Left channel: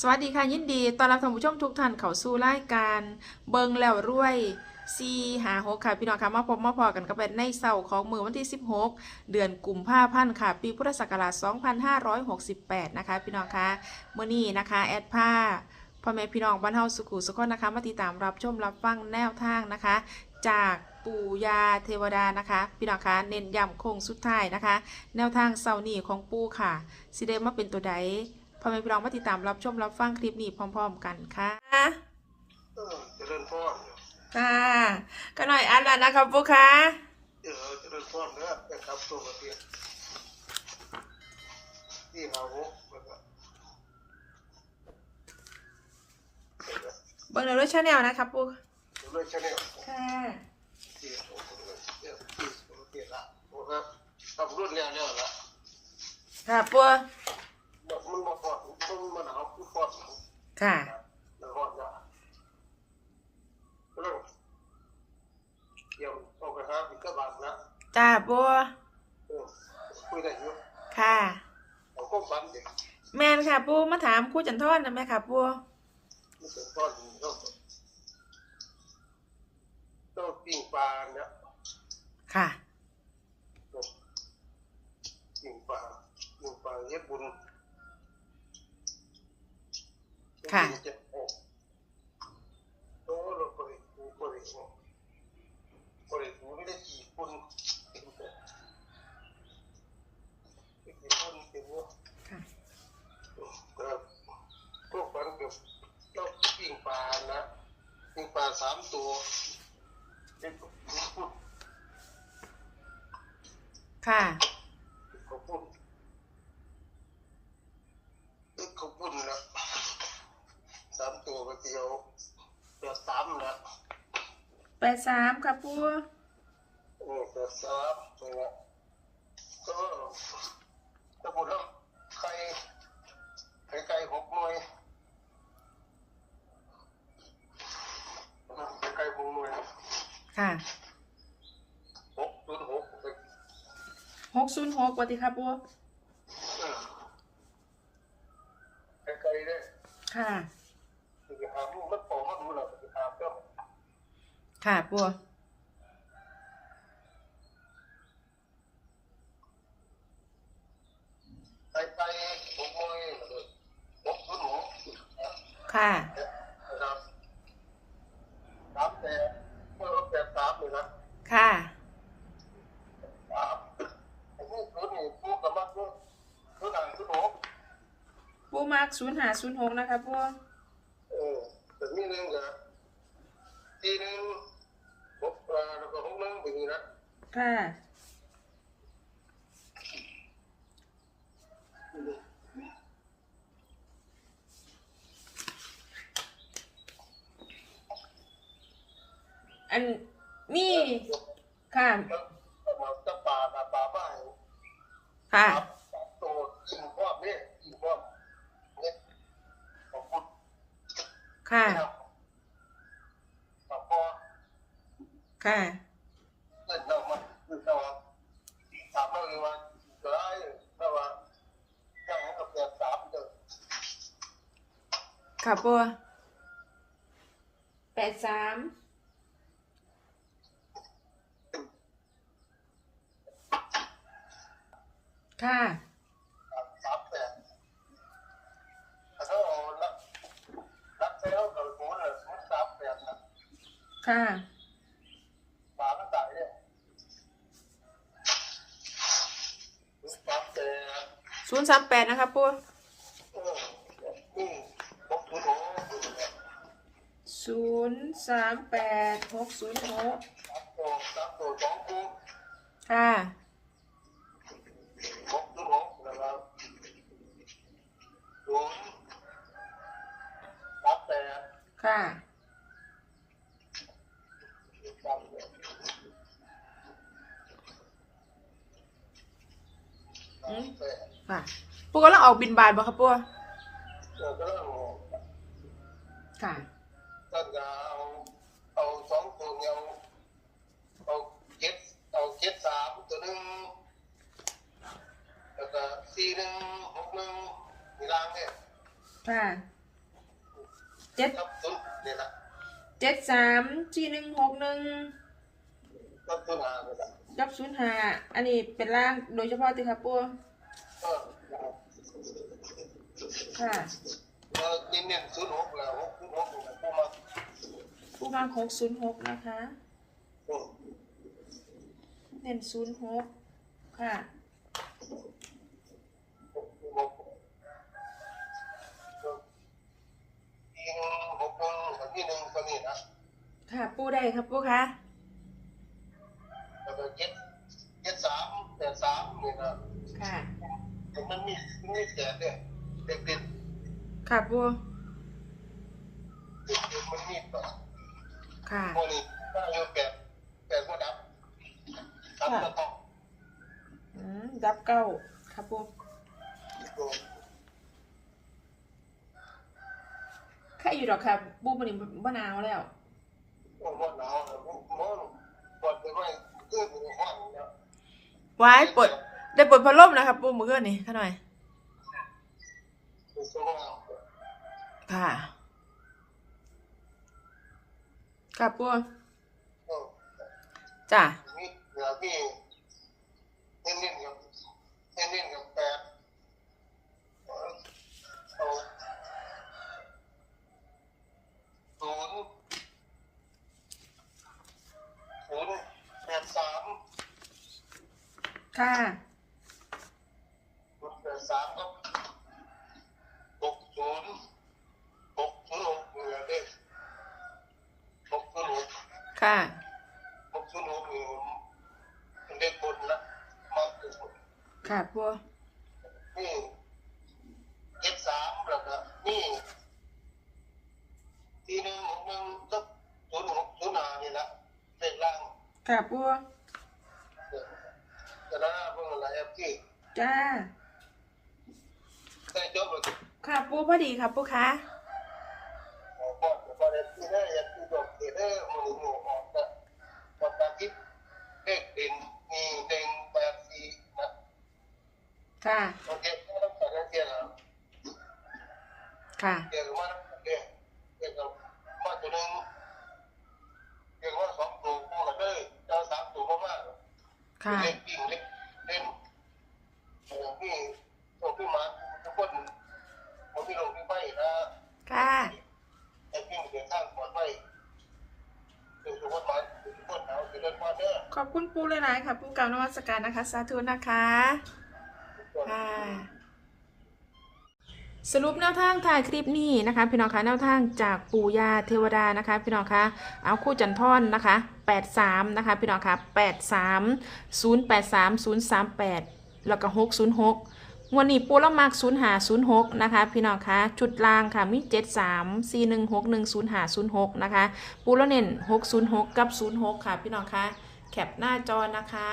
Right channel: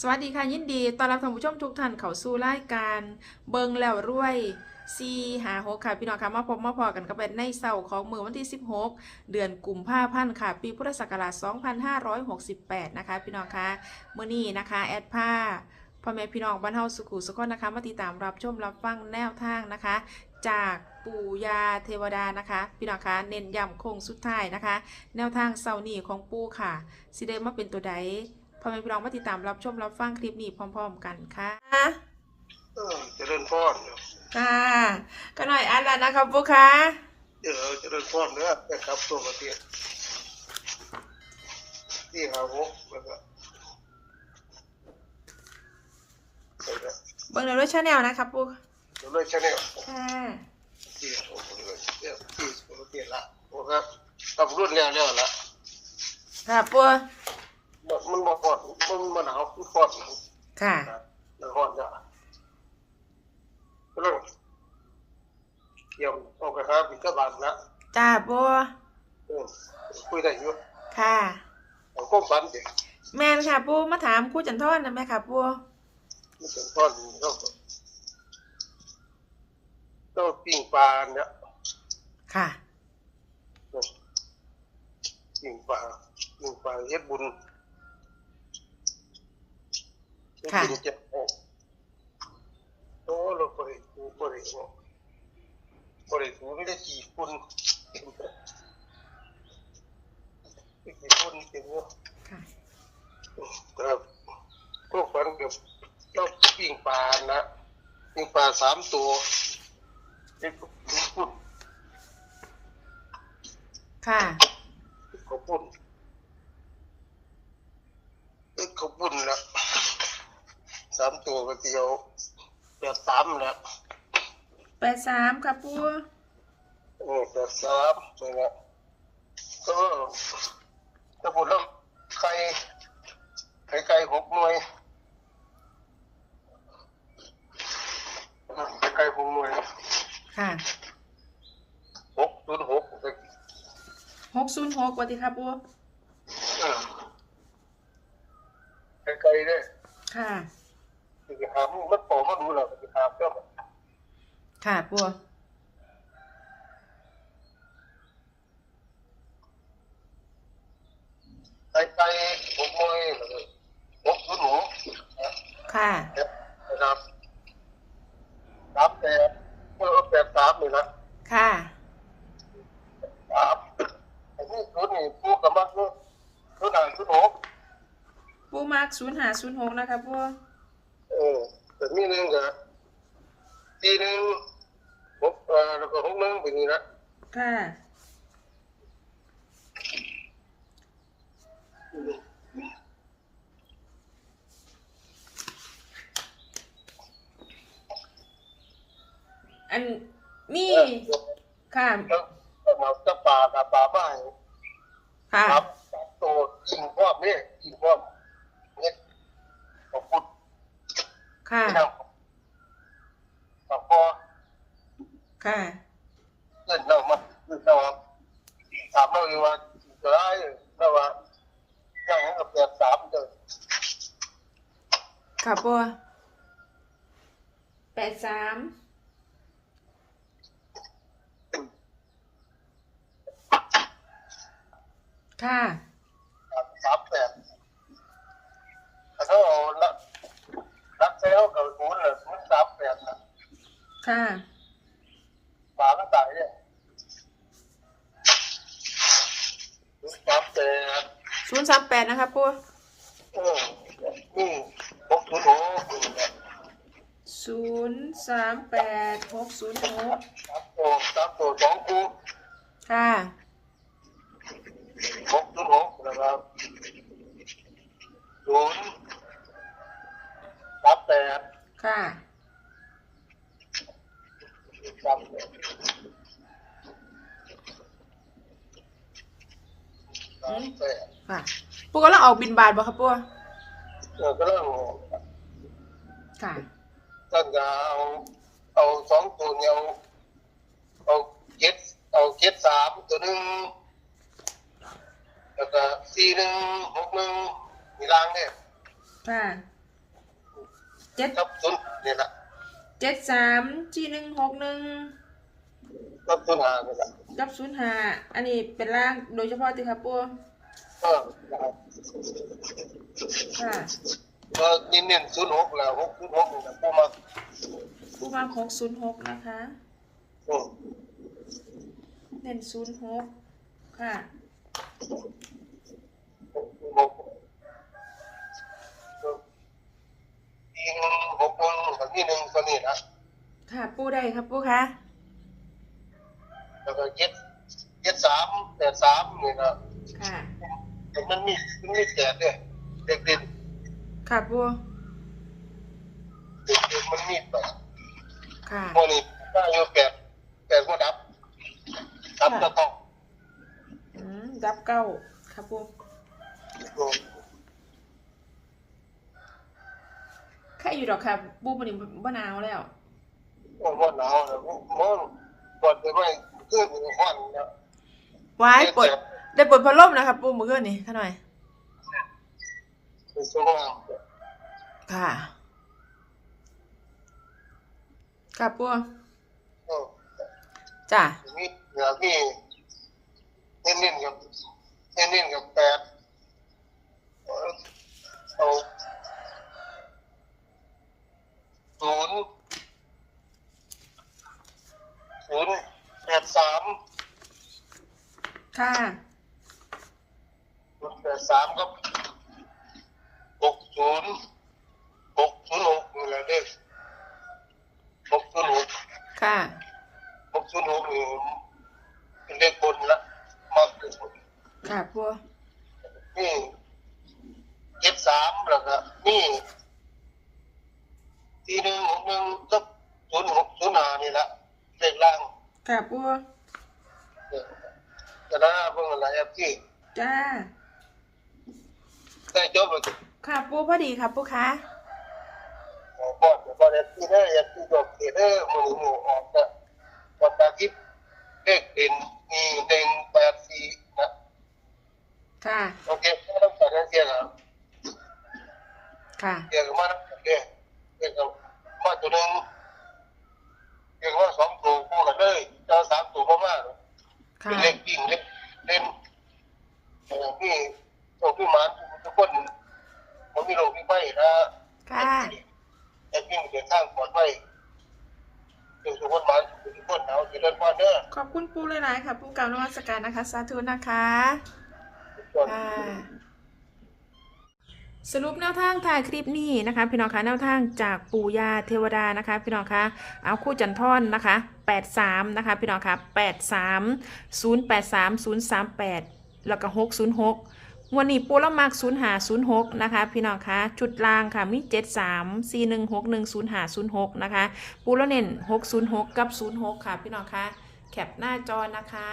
สวัสดีค่ะยินดีต้อนรับท่านผู้ชมทุกท่านเข้าสู่รายการเบิงแล้วรวยซีหาหกค่ะพี่น้องค่ะมาพบมาพอกันกับเป็นในเสาร์ของมือวันที่ 16 เดือนกุมภาพันธ์ค่ะ ปีพุทธศักราช 2568 นะคะ พี่น้องค่ะเมื่อนี้นะคะ แอดผ้าพ่อแม่พี่น้องบ้านเฮาสุขุสุขนนะคะ มาติดตามรับชมรับฟังแนวทางนะคะ จากปู่ยาเทวดานะคะ พี่น้องคะเน้นย้ำโค้งสุดท้ายนะคะ แนวทางเสาร์นี้ของปู่ค่ะสิเดมาเป็นตัวใด พ่อแม่พี่น้องมาติดตามรับชมรับฟังคลิปนี้พร้อม ๆ กันค่ะเออเจริญพรค่ะก็หน่อยอันแล้วนะครับปุ๊ค่ะเออเจริญพรเนื้อนะครับตัวประเทศที่หาหกแล้วก็แล้วก็เบิ่งในรถชาแนลนะครับปุ๊เดี๋ยวเลยชาแนลค่ะที่หกเลยเดี๋ยวที่ประเทศละโอ้ครับตำรวจแล้วแล้วละค่ะปุ๊มัน มันบ่ฮอดมันมันหนาวมันฮอดค่ะมันฮอดจ้ะเรื่องเกี่ยวเอากระทะปิดกระบาดนะจ้าปุ๊เออคุยได้อยู่ค่ะก้มบันดิแมนค่ะปุ๊มาถามคู่จันทอนนะแม่ค่ะปุ๊มันทอดก็ก็ปิ้งปลาเนี่ยค่ะปิ้งปลาปิ้งปลาเฮ็ดบุญ ค่ะปิ้งเจ็บโอ้โอ้เราบริบูบริบูบริบูไม่ได้กี่คนกี่คนกี่คนค่ะครับพวกฟันกับเราปิ้งปลานะปิ้งปลาสามตัวเฮ็ดบุญค่ะขอบคุณเอ็กขอบคุณนะสามตัวก็เดียวเดี๋ยวสามนะแปดสามค่ะปุ๊โอ้เดี๋ยวสามนี่นะก็ถ้าพูดแล้วไข่ไข่ไก่หกหน่วยไข่ไก่หกหน่วยค่ะหกศูนย์หกหกศูนย์หกวัติค่ะปุ๊ไข่ไก่เนี่ยค่ะ คือหามันโตมาดูแล้วคือหาเจ้าค่ะปุ๊ไก่ไก่หกหน่วยหกศูนย์หกค่ะนะครับสามแปดเออแปดสามเลยนะค่ะสามไอ้นี่ศูนย์นี่พูดกับมันคือคือหนังศูนย์หกปุ๊มากศูนย์หาศูนย์หกนะคะปุ๊เออแต่ มีหนึ่งกับทีหนึ่งหกเอ่อแล้วก็หกหนึ่งเป็นอย่างนี้นะค่ะ อันมีค่ะ แล้วก็มาจะป่ากับป่าไม้ค่ะ ครับโตยิงพร้อมเนี่ยยิงพร้อมเนี่ยขอบคุณ ค่ะที่เราขอบพอค่ะ เล่นเรามันเราถามเราเลยว่าจะได้เราว่าอย่างนั้นก็เปลี่ยนสามเด้อค่ะปัวแปดสามค่ะ สามแปดถ้าเราละรักเซลกับศูนย์เลยศูนย์สามแปดนะ ค่ะฝาตั้งแต่เนี่ยศูนย์สามแปดศูนย์สามแปดนะคะปัวเออนี่หกศูนย์หกศูนย์สามแปดหกศูนย์หกสามตัวสามตัวสองคู่ค่ะหกศูนย์หกนะครับศูนย์สามแปด ค่ะ สามแปดสามแปด ค่ะปัวก็ต้ องออกบินบาทบ่ครับปัวเออก็เรื่องค่ะ ท่านจะเอาเอาสองตัวเนี่ยเอาเอาเก็ดเอาเก็ดสามตัวหนึ่งแล้วก็สี่หนึ่งหกหนึ่งมีรางเนี่ยค่ะเเจ็ดกับศูนย์นี่แหละเจ็ดสามสี่หนึ่งหกหนึ่งกับศูนย์ห้านี่แหละกับศูนย์ห้าอันนี้เป็นล่างโดยเฉพาะติครับปูเออค่ะเออนี่เน้นศูนย์หกแล้วหกศูนย์หกนี่กูมาปูมาหกศูนย์หกนะคะอืมเน้นศูนย์หกค่ะหกศูนย์หกอีกหนึ่งหกคนกับนี่หนึ่งคนนี่นะค่ะปูได้ครับปูคะแล้วก็เจ็ดเจ็ดสามแปดสามนี่นะค่ะ แต่มันมีมันมีแปดเนี่ยเด็กเด่นค่ะปูเด็กเด่นมันมีแปดค่ะพวกนี้ถ้าอยู่แปดแปดก็ดับดับก็ต้องอืมดับเก้าครับปูอืมแค่อยู่ดอกค่ะปูมันนี่บ่หนาวแล้วมันว่าหนาวนะมันปวดไปไม่ขึ้นไปห้อนนะว้ายปวด ได้ปวดพัดลมนะครับ ปูมือเกินนี่ข้าหน่อยไปสว่างค่ะ ค่ะปูอืมจ้ะมีเหนือพี่เน้นๆกับเน้นๆกับแปดเอาศูนย์ศูนย์แปดสามค่ะ ค่ะหกศูนย์หกนี่เป็นเลขบนละมากที่สุดค่ะปูนี่เจ็ดสามแล้วก็นี่ทีหนึ่งหกหนึ่งสักศูนย์หกศูนย์ห้านี่ละเลขล่างค่ะปูจะน่าเพิ่งอะไรแอปที่จ้าได้จบไปค่ะปูพอดีครับปูคะ บอกบอกแอปที่ได้แอปที่จบเขตได้มือหมูออกนะวันอาทิตย์เลขเด่นมีหนึ่งแปดสี่นะค่ะ โอเคไม่ต้องการเสียแล้วค่ะเกี่ยวกับมาเกี่ยวเกี่ยวกับมาตัวหนึ่งเกี่ยวกับสองตัวคู่กันเลยเจ้าสามตัวก็มากค่ะ เล็กยิ่งเล็กเล่นอย่างที่ตัวพี่มาทุกคนผมมีโรคพี่ไม่นะ ค่ะ แต่พี่มีข้างปลอดภัยเป็นทุกคนมาทุกคนเอาจะเล่นมาเด้อ ขอบคุณปูหลายๆค่ะ ปูกล่าวนวัตการนะคะ สาธุนะคะค่ะสรุปแนวทางถ่ายคลิปนี้นะคะ พี่น้องคะแนวทางจากปู่ย่าเทวดานะคะ พี่น้องคะเอาคู่จันทอนนะคะ 83 นะคะ พี่น้องคะ83 083 038 แล้วก็ 606วันนี้ปูละมัก0506 นะคะ พี่น้องคะจุดล่างค่ะมี 73 4161 0506 นะคะ ปูละเน้น606 กับ 06 ค่ะ พี่น้องคะ แคปหน้าจอนะคะ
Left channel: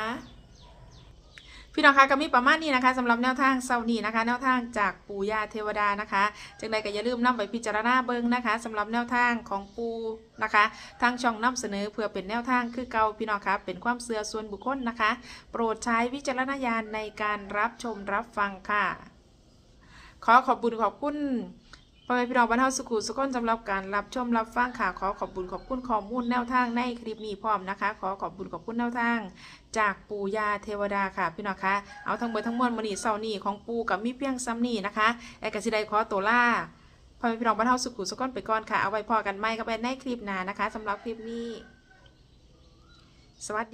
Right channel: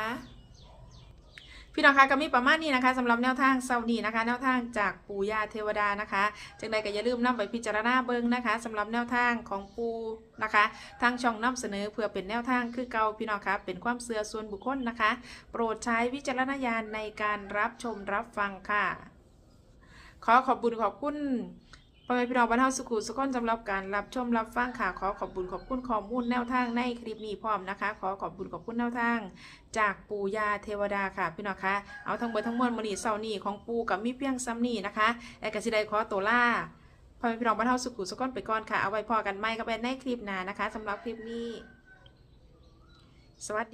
พี่น้องคะก็มีประมาณนี้นะคะสำหรับแนวทางเซาร์นี้นะคะ แนวทางจากปู่ย่าเทวดานะคะจังใดก็อย่าลืมนำไปพิจารณาเบิ่งนะคะสำหรับแนวทางของปู่นะคะ ทางช่องนำเสนอเพื่อเป็นแนวทางคือเก่าพี่น้องคะเป็นความเชื่อส่วนบุคคลนะคะ โปรดใช้วิจารณญาณในการรับชมรับฟังค่ะ ขอขอบคุณขอบคุณ พ่อแม่พี่น้องบ้านเฮาสุขุสุขคนสำหรับการรับชมรับฟังค่ะขอขอบคุณขอบคุณข้อมูลแนวทางในคลิปนี้พร้อมนะคะ ขอขอบคุณขอบคุณแนวทาง จากปู่ย่าเทวดาค่ะพี่น้องคะเอาทั้งเบอร์ทั้งมวลมณีเสาร์นี้ของปู่กับมีเพียงซ้ำนี่นะคะแอกสิไดขอตัวล่าพ่อแม่พี่น้องบ้านเฮาสุขุสุขคนไปก่อนค่ะเอาไว้พอกันไหมก็ไปในคลิปหน้านะคะสำหรับคลิปนี้สวัสดี